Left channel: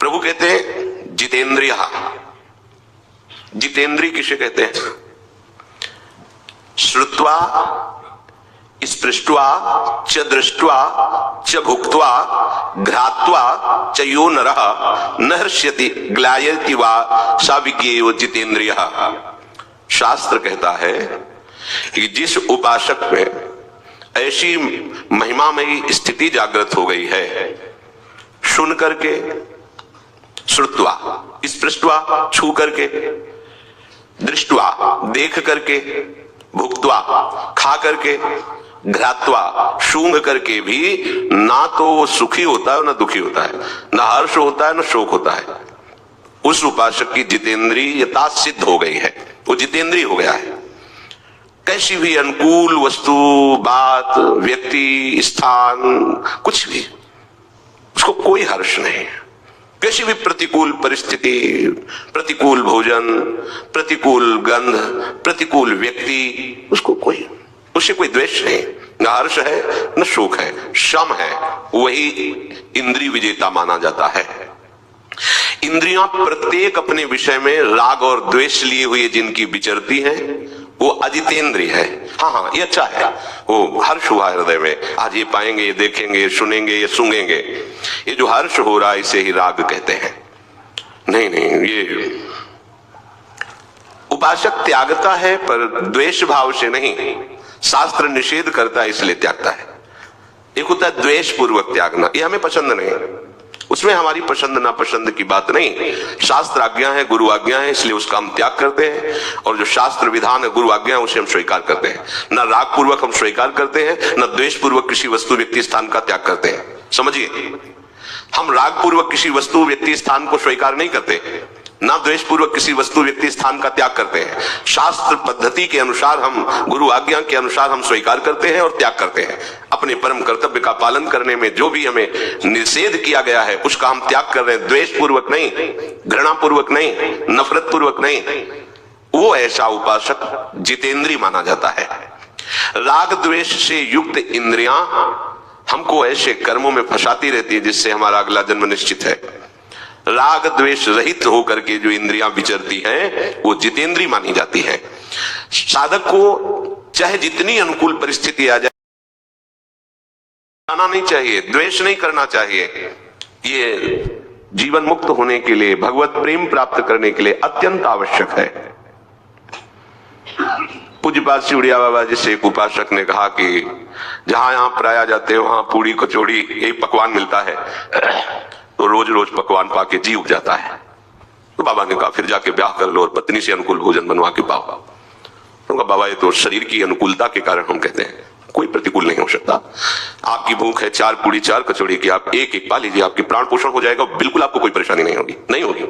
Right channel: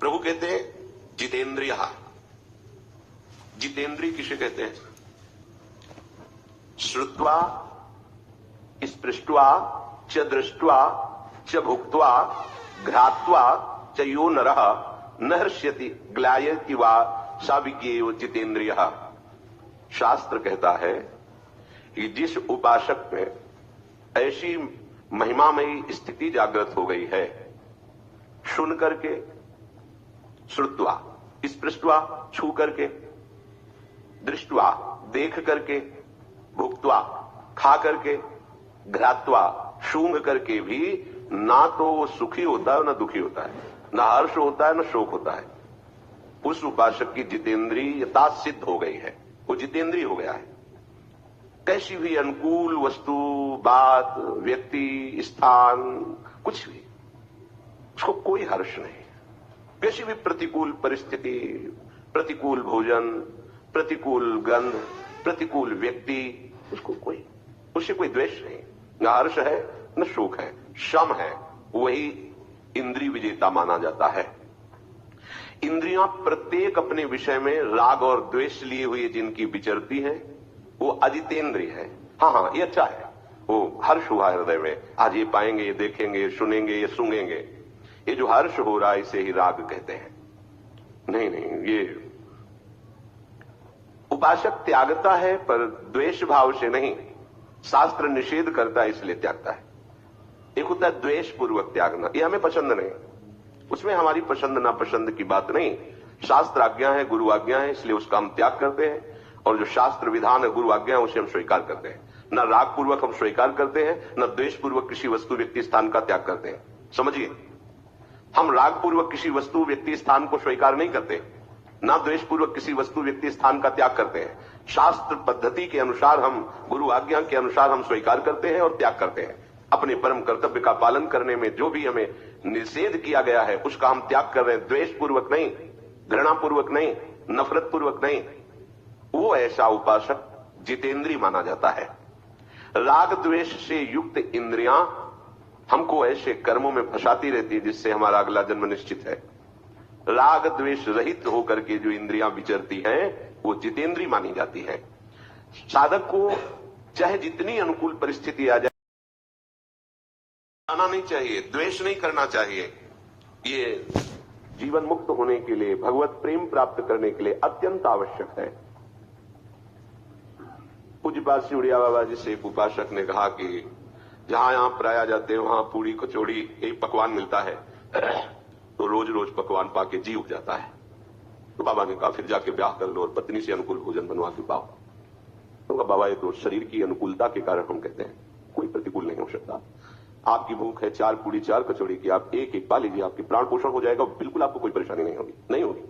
प्रभु कहते हैं जितेंद्रिय। जितेंद्रिय किसे कहते हैं? श्रुत्वा स्पृष्ट्वा च दृष्ट्वा च भुक्त्वा घ्रात्वा च यो नरः न हृष्यति ग्लायति वा सा विज्ञेयो जितेंद्रियः। शास्त्र कहता है कि जिस उपासक में ऐसी महिमामयी स्थिति जागृत हो गई है, सुन करके, श्रुत्वा स्पृष्ट्वा छू करके, दृष्टवा देख करके, भुक्त्वा खा करके, घ्रात्वा सूंघ करके भी ना तो वो सुखी होता है ना दुखी होता है, ना हर्ष होता है ना शोक होता है, उस उपासक की जितेंद्रियता सिद्ध हो गई है, वो जितेंद्रिय हो गया है। कैसी भी अनुकूल वस्तु, बात, व्यक्ति, स्थान, कुछ भी उसको कोई हर्ष नहीं है। कैसी भी प्रतिकूल परिस्थिति, प्रतिकूल भोजन, प्रतिकूल गंध, प्रतिकूल व्यक्ति, उससे कोई द्वेष नहीं, न हर्ष है न शोक है, शम है, वही इंद्रिय विजेता माना जाता है। इंद्रियां प्रत्येक अपने विषय में राग और द्वेष लिए हुए जिनकी विचरती हैं, वो अजितेंद्रिय है। हाँ, ये अच्छा है, वो हर्ष हुआ हृदय में, आज ये पाएंगे, ये देखेंगे, ये सुनेंगे, ये सूंघेंगे, ये जो हर्ष हो रहा है इसे ही राग कहते हैं। नहीं, ये उपासक त्यागता है पर द्वेष भाव से नहीं, शास्त्र निषेध करता है इसलिए त्यागता है। एक होता है द्वेष पूर्वक त्यागना, ये हमें पसंद नहीं, उसमें हमारी पसंद नापसंद की बात नहीं, शास्त्र आज्ञा है, गुरु आज्ञा है, इसलिए उसका हम त्याग करते हैं, और जो शास्त्र विधान है, गुरु आज्ञा है, उसे हम स्वीकार करते हैं। न राग पूर्वक हम स्वीकार करते हैं, न द्वेष पूर्वक किसी वस्तु व्यक्ति स्थान का त्याग करते हैं। समझिए, हम राग पूर्वक किसी वस्तु व्यक्ति स्थान को स्वीकार नहीं करते, ना द्वेष पूर्वक किसी वस्तु व्यक्ति स्थान का त्याग करते हैं। शास्त्र पद्धति के अनुसार, हम गुरु आज्ञा के अनुसार हम स्वीकार करते हैं और त्याग करते हैं। अपने परम कर्तव्य का पालन करने में जो भी हमें निषेध किया गया है उसका हम त्याग कर रहे हैं, द्वेष पूर्वक नहीं, घृणा पूर्वक नहीं, नफरत पूर्वक नहीं। वो ऐसा उपासक जितेंद्रिय माना जाता है। राग द्वेष से युक्त इंद्रियां हमको ऐसे कर्मों में फंसाती रहती है जिससे हमारा अगला जन्म निश्चित है। राग द्वेष रहित होकर के जो इंद्रियां विचरती हैं वो जितेंद्रिय मानी जाती है। साधक को चाहे जितनी अनुकूल परिस्थिति आ जाए, आना नहीं चाहिए, द्वेष नहीं करना चाहिए। ये जीवन मुक्त होने के लिए, भगवत प्रेम प्राप्त करने के लिए अत्यंत आवश्यक है। पूज्यपाद सिउड़िया बाबा जी से एक उपासक ने कहा कि जहां यहां प्राया जाते हैं वहां पूरी कचौड़ी यही पकवान मिलता है, तो रोज रोज पकवान पाके जी उग जाता है। तो बाबा ने कहा फिर जाके ब्याह कर लो और पत्नी से अनुकूल भोजन बनवा के पाओ। तो कहा बाबा ये तो शरीर की अनुकूलता के कारण हम कहते हैं, कोई प्रतिकूल नहीं हो सकता। आपकी भूख है 4 पूड़ी 4 कचौड़ी की, आप एक एक पा लीजिए, आपके प्राण पोषण हो जाएगा, बिल्कुल आपको कोई परेशानी नहीं होगी। नहीं होगी,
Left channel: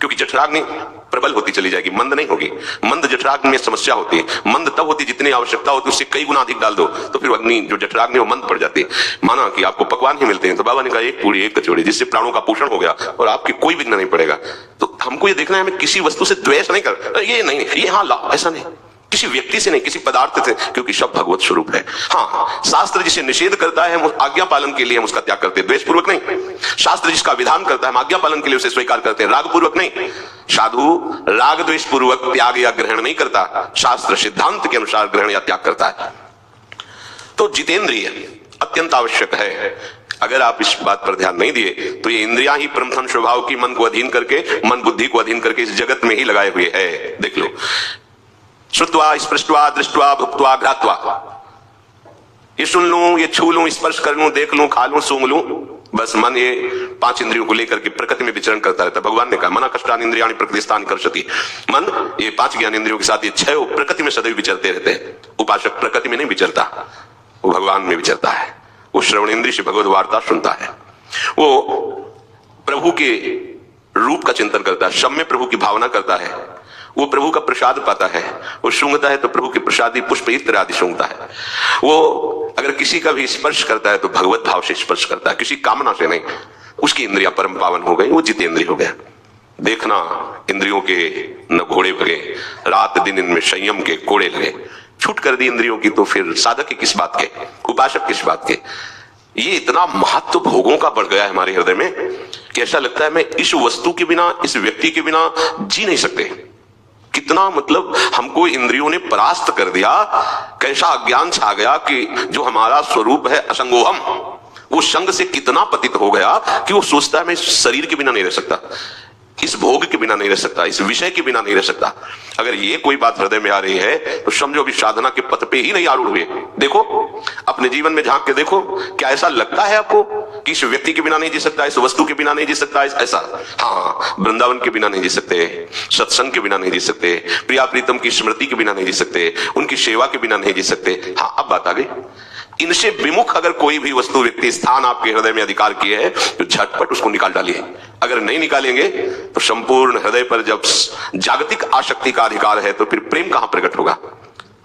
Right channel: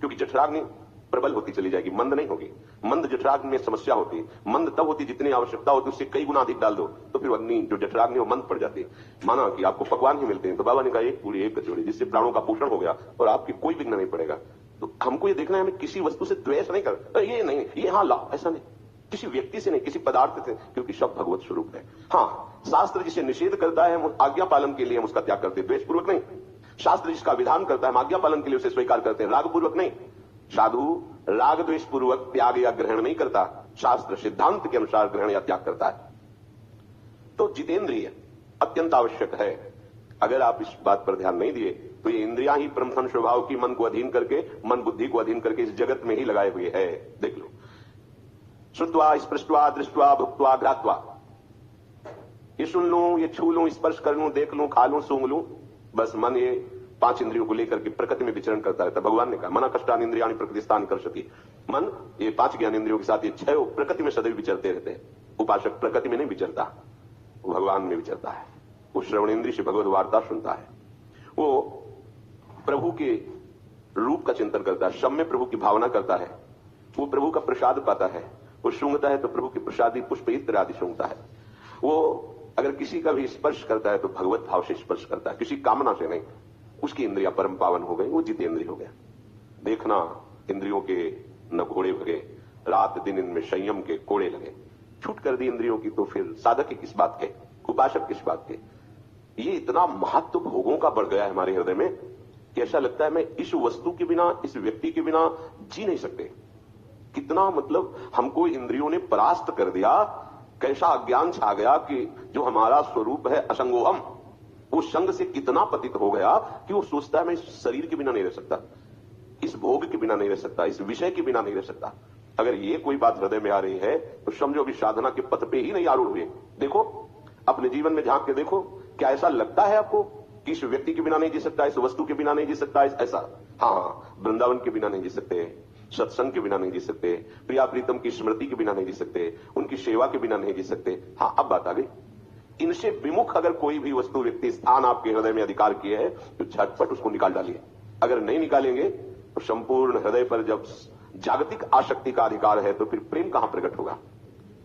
क्योंकि जठराग्नि प्रबल होती चली जाएगी, मंद नहीं होगी। मंद जठराग्नि में समस्या होती है, मंद तब होती जितनी आवश्यकता होती उससे कई गुना अधिक डाल दो तो फिर अग्नि जो जठराग्नि वो मंद पड़ जाती है। माना कि आपको पकवान ही मिलते हैं, तो बाबा ने कहा 1 पूड़ी 1 कचौड़ी, जिससे प्राणों का पोषण हो गया और आपकी कोई विघ्न नहीं पड़ेगा। तो हमको ये देखना है, हमें किसी वस्तु से द्वेष नहीं कर, ये नहीं, ये हाँ ला, ऐसा नहीं, किसी व्यक्ति से नहीं, किसी पदार्थ से, क्योंकि सब भगवत स्वरूप है। हाँ, शास्त्र जिसे निषेध करता है हम आज्ञा पालन के लिए हम उसका त्याग करते हैं, द्वेष पूर्वक नहीं। शास्त्र जिसका विधान करता है हम आज्ञा पालन के लिए उसे स्वीकार करते हैं, राग पूर्वक नहीं। साधु राग द्वेष पूर्वक त्याग या ग्रहण नहीं करता, शास्त्र सिद्धांत के अनुसार ग्रहण या त्याग करता है। तो जितेंद्रिय अत्यंत आवश्यक है। अगर आप इस बात पर ध्यान नहीं दिए तो ये इंद्रियां ही परमधन स्वभाव की मन को अधीन करके, मन बुद्धि को अधीन करके इस जगत में ही लगाए हुए है। देख लो, श्रुत्वा स्पृष्ट्वा दृष्ट्वा भुक्त्वा घ्रात्वा, ये सुन लूं, ये छू लूं, स्पर्श कर लूं, देख लूं, खा लूं, सूंघ लूं, बस मन ये 5 इंद्रियों को लेकर के प्रकृति में विचरण करता रहता है। भगवान ने कहा मना कष्टानि इंद्रियाणि प्रकृतिस्थानि कर्षति, मन ये 5 ज्ञान इंद्रियों के साथ ये 6 प्रकृति में सदैव विचरते रहते हैं। उपासक प्रकृति में नहीं विचरता, वो भगवान में विचरता है। वो श्रवण इंद्रिय से भगवत वार्ता सुनता है, वो प्रभु के रूप का चिंतन करता है, शम में प्रभु की भावना करता है, वो प्रभु का प्रसाद पाता है, वो सूंघता है तो प्रभु के प्रसादी पुष्प इत्र आदि सूंघता है। वो अगर किसी का भी स्पर्श करता है तो भगवत भाव से स्पर्श करता है, किसी कामना से नहीं। उसकी इंद्रियां परम पावन हो गई, वो जितेंद्रिय हो गया। देखना, इंद्रियों के न घोड़े भगे, रात दिन इनमें संयम के कोड़े लगे। छूट कर दी इंद्रियों की तो फिर साधक की किस बात के, उपासक किस बात के। ये इतना महत्व भोगों का बढ़ गया है हमारे हृदय में कि ऐसा लगता है मैं इस वस्तु के बिना, इस व्यक्ति के बिना जी नहीं सकते। कितना मतलब हमको इंद्रियों ने परास्त कर दिया, कैसा अज्ञान छा गया कि जो हमारा स्वरूप है असंगोहम, वो संग से कितना पतित हो गया कि वो सोचता है मैं इस शरीर के बिना नहीं रह सकता, इस भोग के बिना नहीं रह सकता, इस विषय के बिना नहीं रह सकता। अगर ये कोई बात हृदय में आ रही है तो समझो अभी साधना के पथ पे ही नहीं आरूढ़ हुए। देखो अपने जीवन में झांक के देखो, क्या ऐसा लगता है आपको कि इस व्यक्ति के बिना नहीं जी सकता, इस वस्तु के बिना नहीं जी सकता, ऐसा? हाँ, वृंदावन के बिना नहीं जी सकते, सत्संग के बिना नहीं जी सकते, प्रिया प्रीतम की स्मृति के बिना नहीं जी सकते, उनकी सेवा के बिना नहीं जी सकते। हाँ, अब बात आ गई, इनसे विमुख अगर कोई भी वस्तु, व्यक्ति, स्थान आपके हृदय में अधिकार किए है तो झटपट उसको निकाल डालिए। अगर नहीं निकालेंगे तो संपूर्ण हृदय पर जब जागतिक आसक्ति का अधिकार है तो फिर प्रेम कहां प्रकट होगा?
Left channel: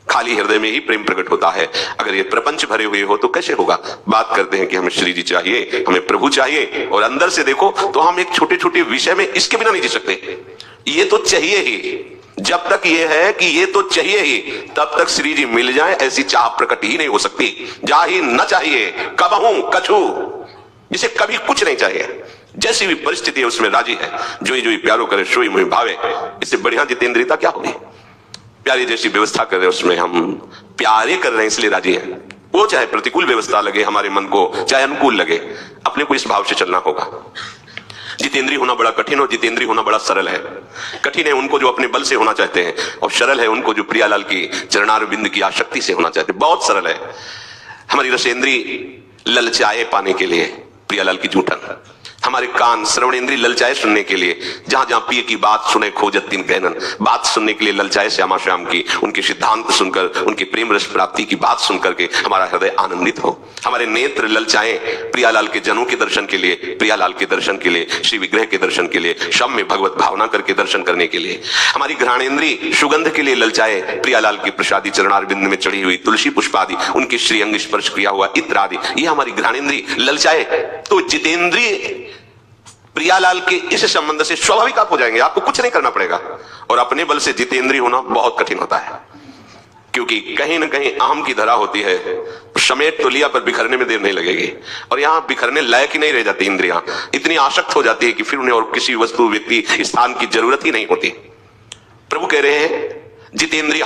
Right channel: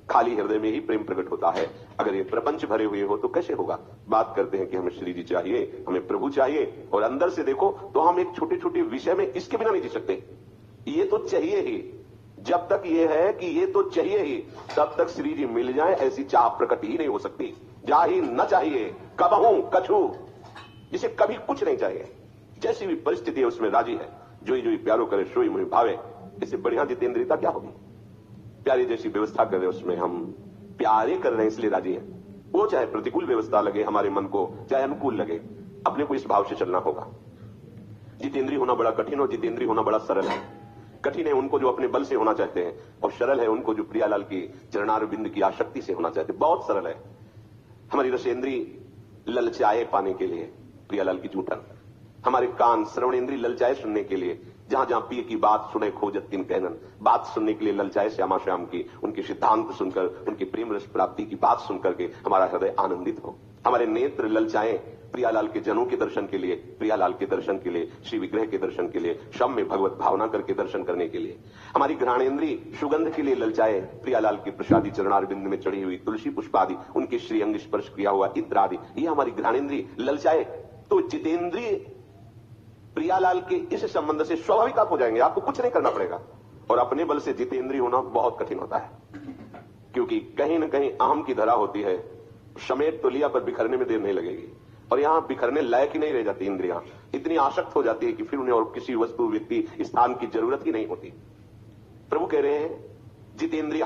खाली हृदय में ही प्रेम प्रकट होता है। अगर ये प्रपंच भरे हुए हो तो कैसे होगा? बात करते हैं कि हमें श्री जी चाहिए, हमें प्रभु चाहिए, और अंदर से देखो तो हम एक छोटे छोटे विषय में इसके बिना नहीं जी सकते। ये तो चाहिए ही, जब तक ये है कि ये तो चाहिए ही, तब तक श्री जी मिल जाए ऐसी चाह प्रकट ही नहीं हो सकती। जा ही न चाहिए कबहू कछु, जिसे कभी कुछ नहीं चाहिए, जैसी भी परिस्थिति है उसमें राजी है। जोई जोई प्यारो करे सोई मुहि भावे, इससे बढ़िया जितेंद्रियता क्या होगी? प्यारी जैसी व्यवस्था कर रहे उसमें हम प्यारे कर रहे हैं इसलिए राजी हैं। वो चाहे प्रतिकूल व्यवस्था लगे हमारे मन को, चाहे अनुकूल लगे, अपने को इस भाव से चलना होगा। जितेंद्रिय होना बड़ा कठिन और जितेंद्रिय होना बड़ा सरल है। कठिन है उनको जो अपने बल से होना चाहते हैं, और सरल है उनको जो प्रियालाल की चरणारविंद की आसक्ति से होना चाहते हैं। बहुत सरल है। हमारी रसेंद्री ललचाए पाने के लिए प्रियालाल की जूठन, हमारे कान श्रवणेंद्री ललचाए सुनने के लिए, जहां जहां पिए की बात सुने खोजत तीन कहनन, बात सुनने के लिए ललचाए श्यामा श्याम की, उनके सिद्धांत सुनकर, उनकी प्रेम रस प्राप्ति की बात सुनकर के हमारा हृदय आनंदित हो। हमारे नेत्र ललचाए प्रियालाल के जनों के दर्शन के लिए, प्रियालाल के दर्शन के लिए, श्री विग्रह के दर्शन के लिए, शम में भगवत भावना करके दर्शन करने के लिए। हमारी घ्राणेंद्री सुगंध के लिए ललचाए प्रियालाल की प्रसादी चरणारविंद में चढ़ी हुई तुलसी पुष्प आदि, उनके श्रीअंग स्पर्श किया हुआ इत्र आदि, ये हमारी घ्राणेंद्री ललचाए। तो जितेंद्रिय प्रियालाल के इस संबंध से स्वाभाविक आप हो जाएंगे, आपको कुछ नहीं करना पड़ेगा। और अपने बल से जितेंद्रिय होना बहुत कठिन होता है, क्योंकि कहीं ना कहीं अहम की धरा होती है। समेट तो लिया पर बिखरने में देर नहीं लगेगी, और यहां बिखरने लायक ही नहीं रह जाती इंद्रियां, इतनी आसक्त हो जाती है कि फिर उन्हें और किसी वस्तु, व्यक्ति, स्थान की जरूरत ही नहीं होती। प्रभु कह रहे हैं जितेंद्रिय